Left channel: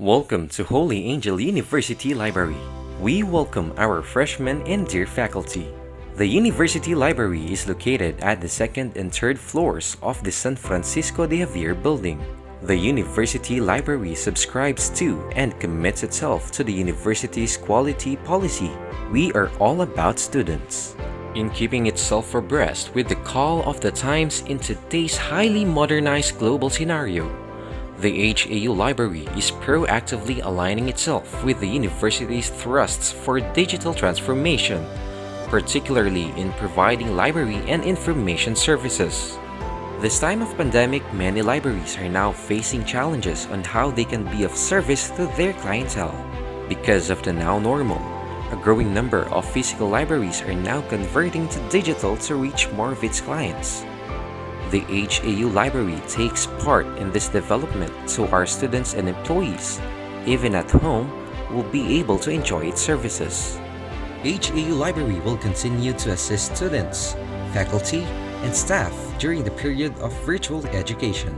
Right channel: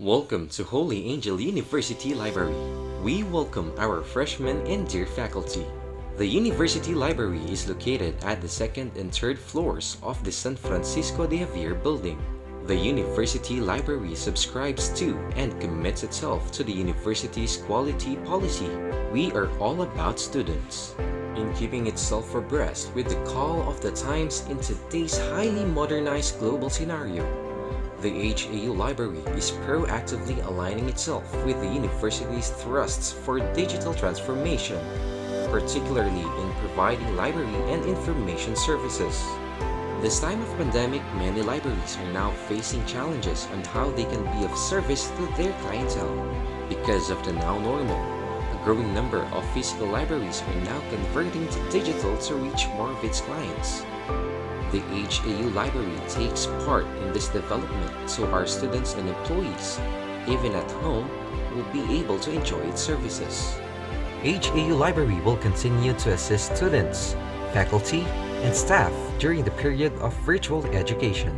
Welcome to Holy Angel University Library. We welcome our freshmen and dear faculty. The University Library is located at the second and third floors of the San Francisco de Javier building. The University Library subscribes to and commits itself to the university's quality policy. We are all about students. In keeping itself abreast with the call of the times in today's highly modernized global scenario, the HAU Library is proactively aligning itself with the university's thrusts for digital transformation, particularly in providing library and information services. This time of pandemic, many libraries are now facing challenges on how they can be of service to their clientele. Because of the now normal, a growing number of physical libraries are now converting to digital to reach more of its clients. The HAU Library takes part in this development so our students and employees, even at home, will be able to enjoy its services. HAU Library will continue to assist students, faculty, and staff during the period of virtual education.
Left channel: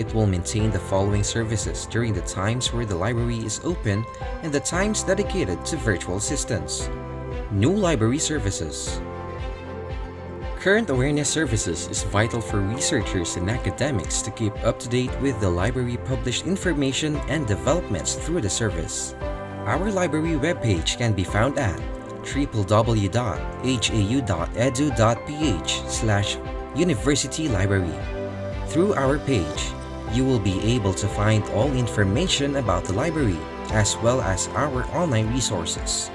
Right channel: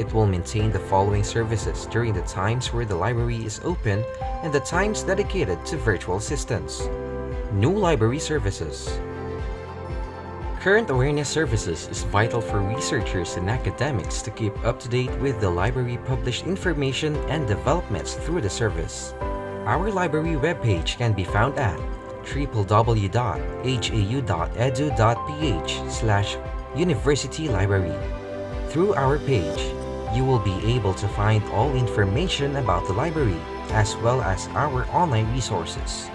It will maintain the following services during the times where the library is open and the times dedicated to virtual assistance. New library services. Current awareness services is vital for researchers and academics to keep up to date with the library published information and developments through the service. Our library webpage can be found at www.hau.edu.ph/universitylibrary. Through our page, you will be able to find all information about the library as well as our online resources.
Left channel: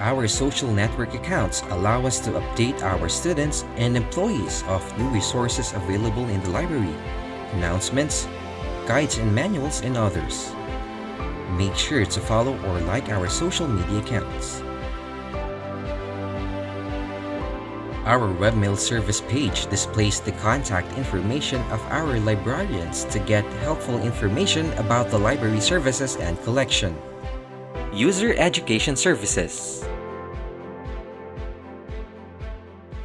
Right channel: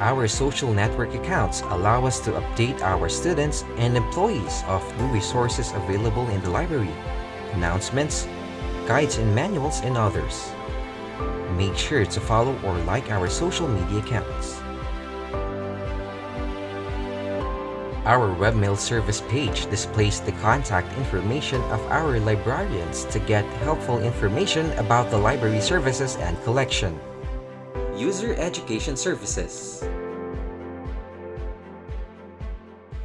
Our social network accounts allow us to update our students and employees of new resources available in the library, announcements, guides and manuals, and others. Make sure to follow or like our social media accounts. Our webmail service page displays the contact information of our librarians to get helpful information about the library services and collection. User Education Services.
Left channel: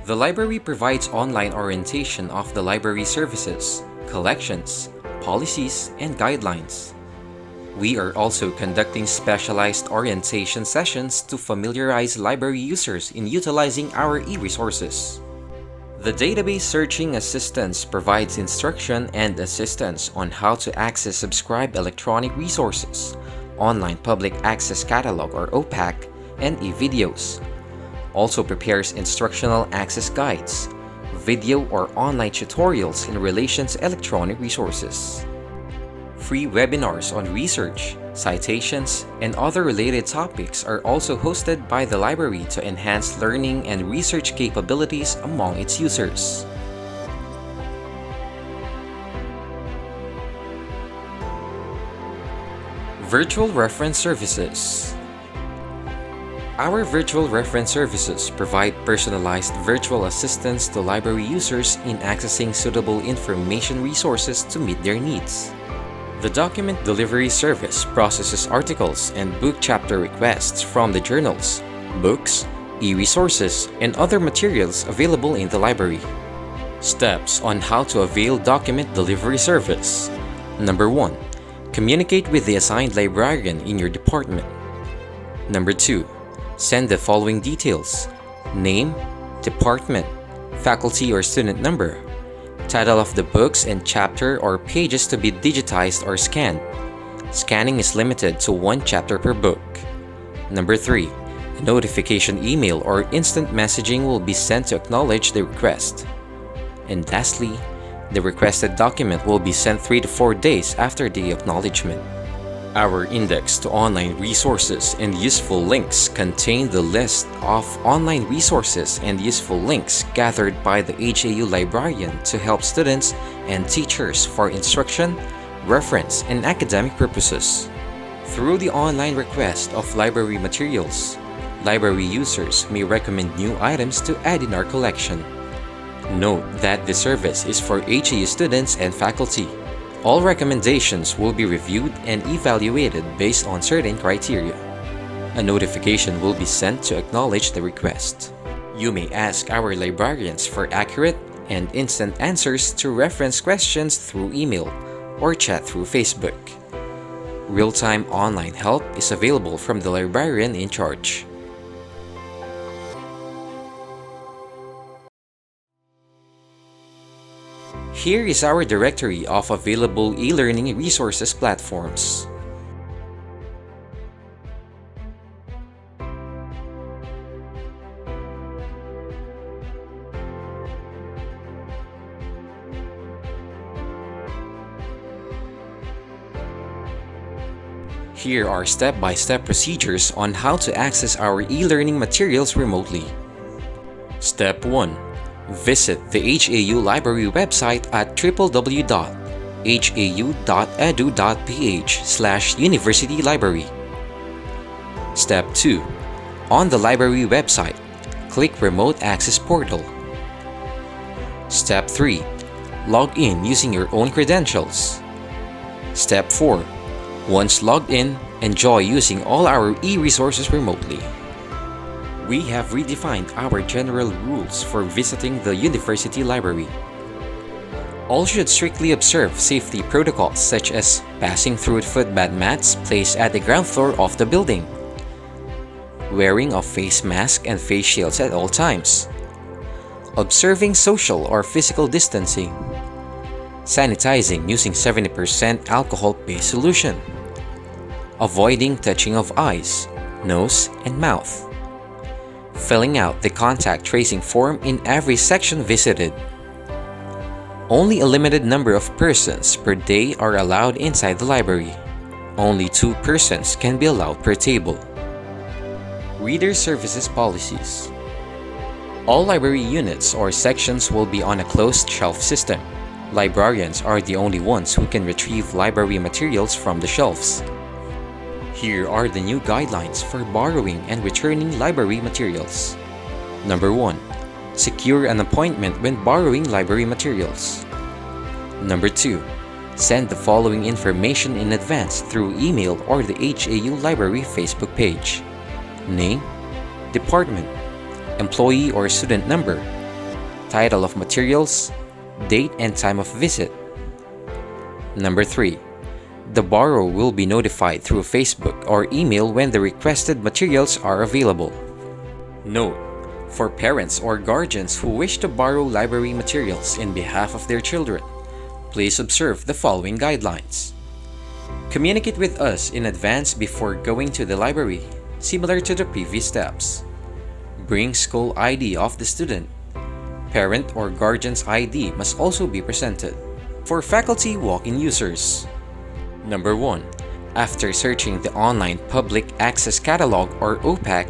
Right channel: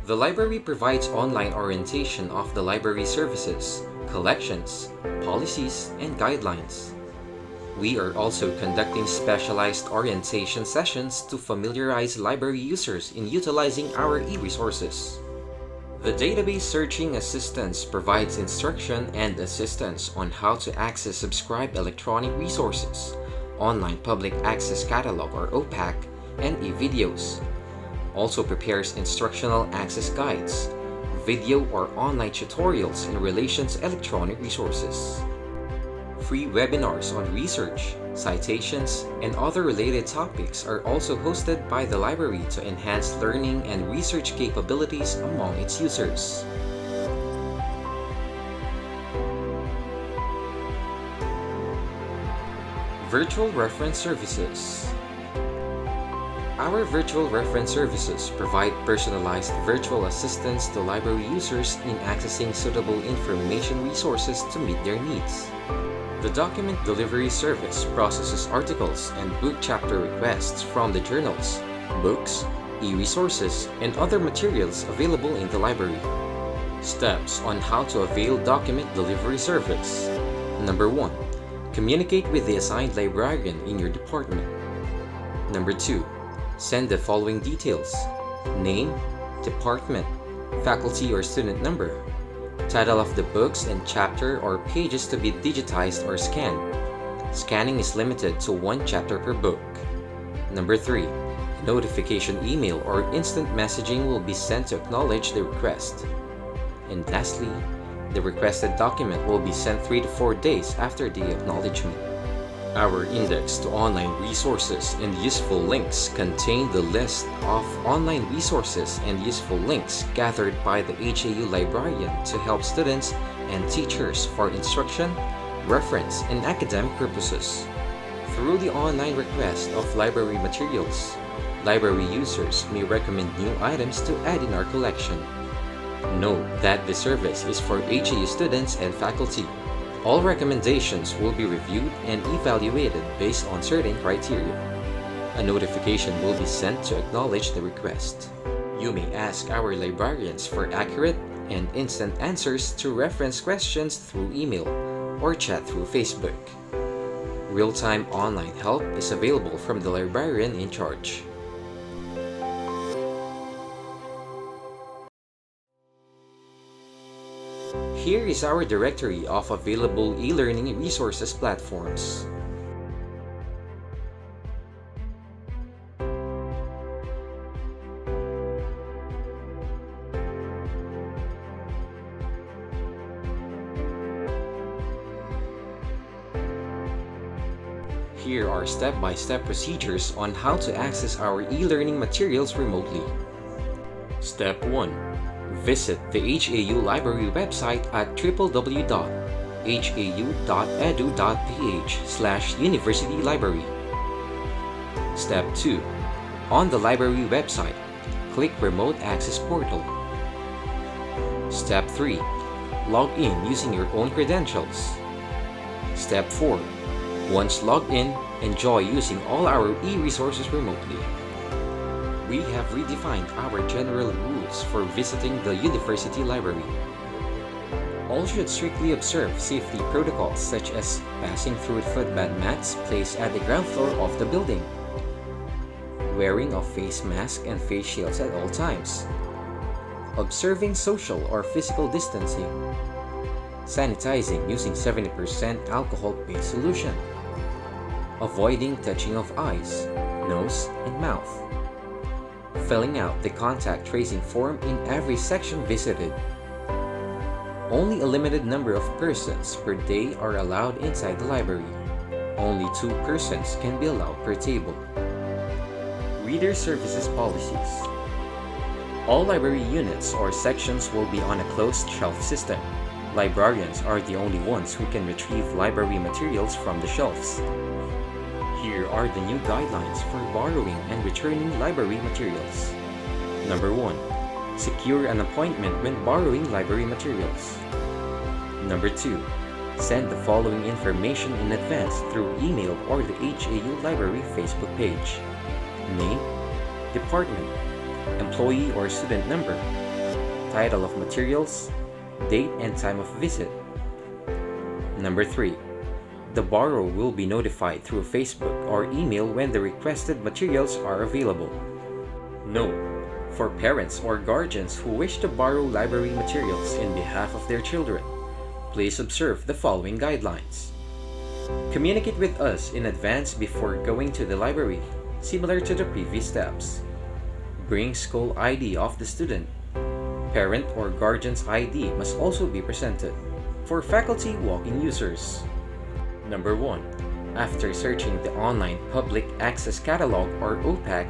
The library provides online orientation of the library services, collections, policies, and guidelines. We are also conducting specialized orientation sessions to familiarize library users in utilizing our e-resources. The database searching assistance provides instruction and assistance on how to access subscribed electronic resources, online public access catalog or OPAC, and e-videos. Also prepares instructional access guides, video or online tutorials in relation to electronic resources. Free webinars on research, citations, and other related topics are also hosted by the library to enhance learning and research capabilities among its users. Virtual Reference Services. Our virtual reference services provide personalized virtual assistance to library users in accessing suitable information resources to meet their needs. The document delivery service processes articles and book chapter requests from the journals, books, e-resources, and other materials available in the library. Steps on how to avail document delivery service. Number 1. Communicate with the assigned librarian in your department. Number 2. Send the following details: name, department, faculty or student number, title of the books and chapter or pages to be digitized or scanned. Scanning is limited to 1 chapter per book. Number 3. A notification email or instant messaging will be sent to acknowledge the request. And lastly, the requested document will be sent 3 to 4 days after the acknowledgement. Our index to online resources and useful links contain the list of online resources and useful links gathered by the HAU librarian to help students and teachers for instruction, reference, and academic purposes. Through the online request of library materials, library users may recommend new items to add in our collection. Note that the service is for HAU students and faculty. All recommendations will be reviewed and evaluated based on certain criteria. A notification will be sent to acknowledge the request. You may ask our librarians for accurate and instant answers to reference questions through email or chat through Facebook. Real-time online help is available from the librarian in charge. Here is our directory of available e-learning resources platforms. Here are step-by-step procedures on how to access our e-learning materials remotely. Step 1. Visit the HAU Library website at www.hau.edu.ph/universitylibrary. Step 2. On the library website, click Remote Access Portal. Step 3. Log in using your own credentials. Step 4. Once logged in, enjoy using all our e-resources remotely. We have redefined our general rules for visiting the university library. All should strictly observe safety protocols such as passing through footbath mats placed at the ground floor of the building, wearing of face mask and face shields at all times, observing social or physical distancing, sanitizing using 70% alcohol-based solution, avoiding touching of eyes, nose, and mouth, filling out the contact tracing form in every section visited. Only a limited number of persons per day are allowed inside the library. Only 2 persons can be allowed per table. Reader Services Policies. All library units or sections will be on a closed shelf system. Librarians are the only ones who can retrieve library materials from the shelves. Here are the new guidelines for borrowing and returning library materials. Number 1. Secure an appointment when borrowing library materials. Number 2. Send the following information in advance through email or the HAU Library Facebook page: name, department, employee or student number, title of materials, date and time of visit. Number 3. The borrower will be notified through Facebook or email when the requested materials are available. Note: for parents or guardians who wish to borrow library materials in behalf of their children, please observe the following guidelines. Communicate with us in advance before going to the library, similar to the previous steps. Bring school ID of the student. Parent or guardian's ID must also be presented. For faculty walk-in users. Number 1. After searching the Online Public Access Catalog or OPAC,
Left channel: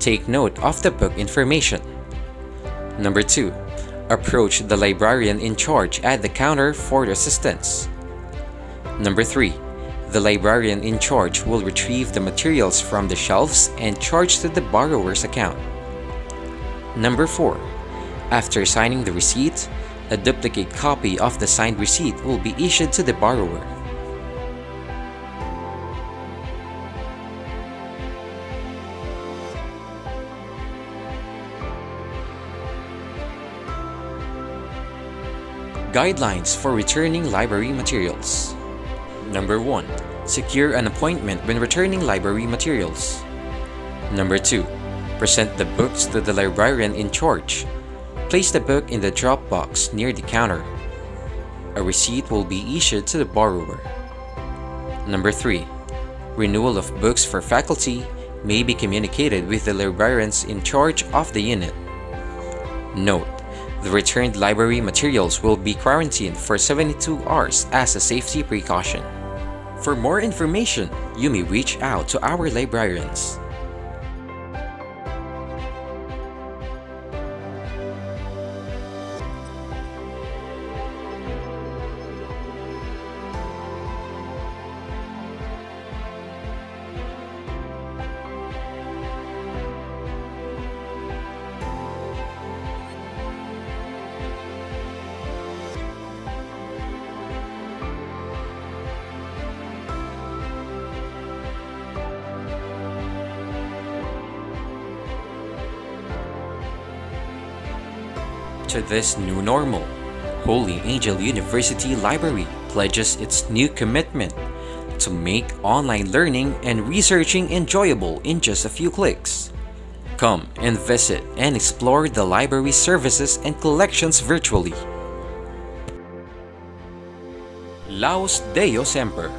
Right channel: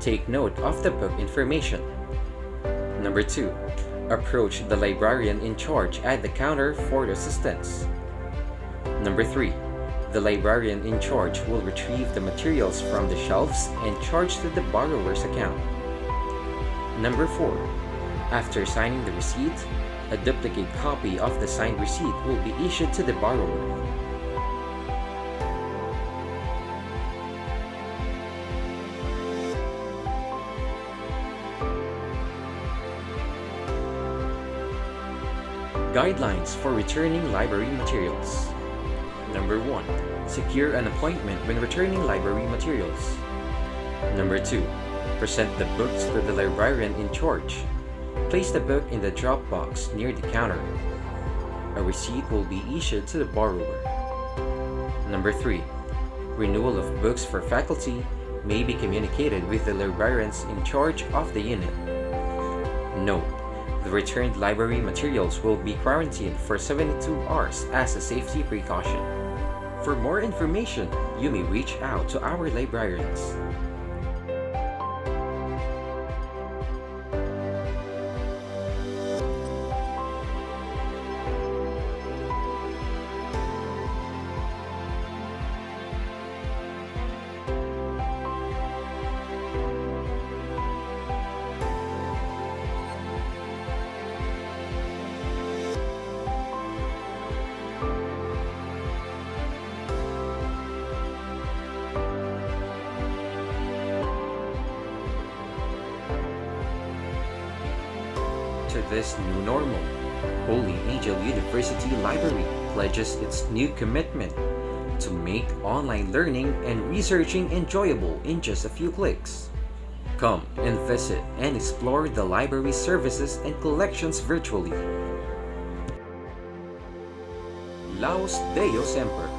take note of the book information. Number 2. Approach the librarian in charge at the counter for assistance. Number 3. The librarian in charge will retrieve the materials from the shelves and charge to the borrower's account. Number 4. After signing the receipt, a duplicate copy of the signed receipt will be issued to the borrower. Guidelines for returning library materials. Number 1. Secure an appointment when returning library materials. Number 2. Present the books to the librarian in charge. Place the book in the drop box near the counter. A receipt will be issued to the borrower. Number 3. Renewal of books for faculty may be communicated with the librarians in charge of the unit. Note: the returned library materials will be quarantined for 72 hours as a safety precaution. For more information, you may reach out to our librarians. To this new normal, Holy Angel University Library pledges its new commitment to make online learning and researching enjoyable in just a few clicks. Come and visit and explore the library services and collections virtually. Laus Deo Semper.